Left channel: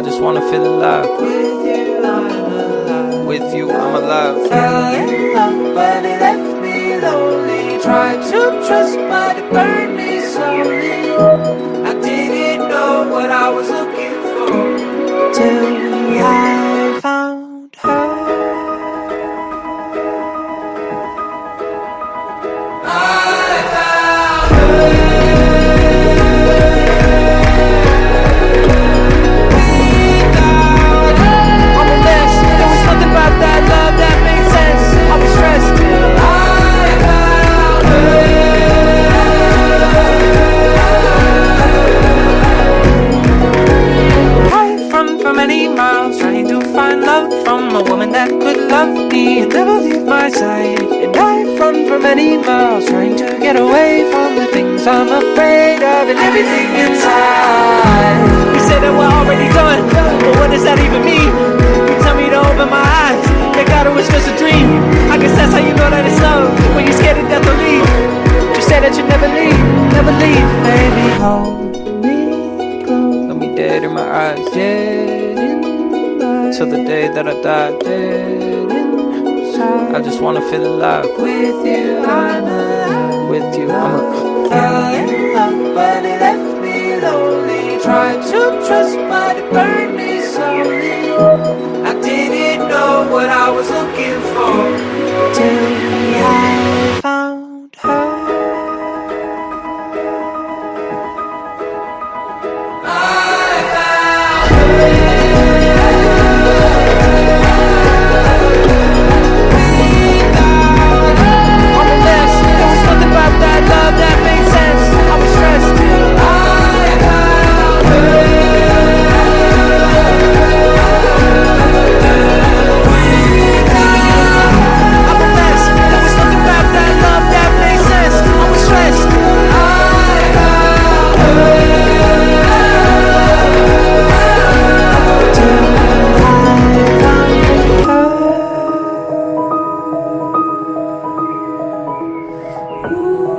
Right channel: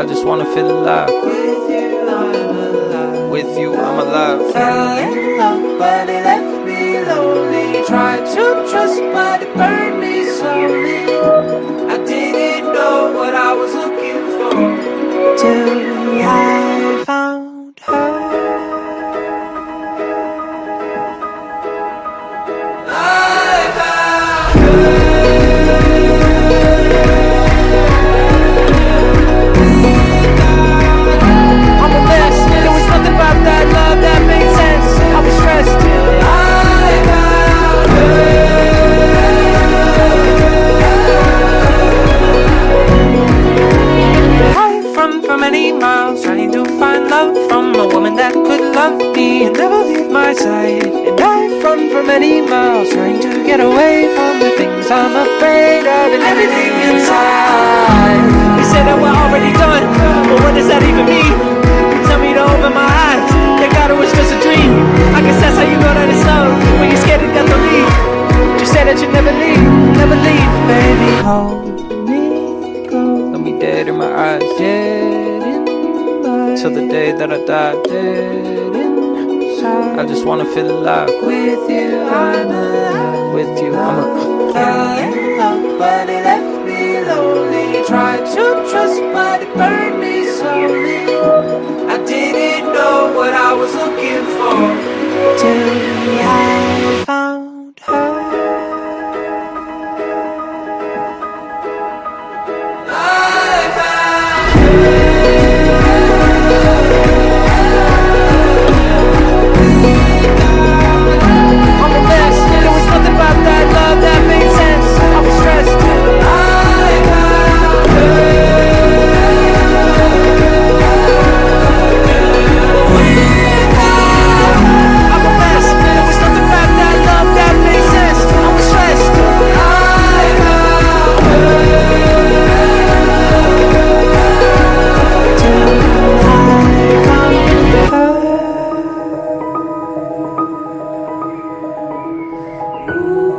I just wanna feel alive. With you, I'm alive. Fell in love, but it left me lonely. Tried to trust, but it burned me slowly. I didn't know what I was looking for till I found her. I found her. Never leave my side. And I've run for many miles, trying to get away from the things I'm afraid of, and everything inside. You said that we're already done, but what does that even mean? You tell me to open my eyes, they thought it was just a dream. I guess that's how you know that it's love, when you're scared to never leave. You say that you never leave, never leave. Baby, hold me close, look me dead in my eyes, yeah. Till the day that I die, yeah. I just wanna feel alive. With you, I'm alive. With you, I'm alive. Fell in love, but it left me lonely. Tried to trust, but it burned me slowly. I didn't know what I was looking for till I found her. I found her. Ooh.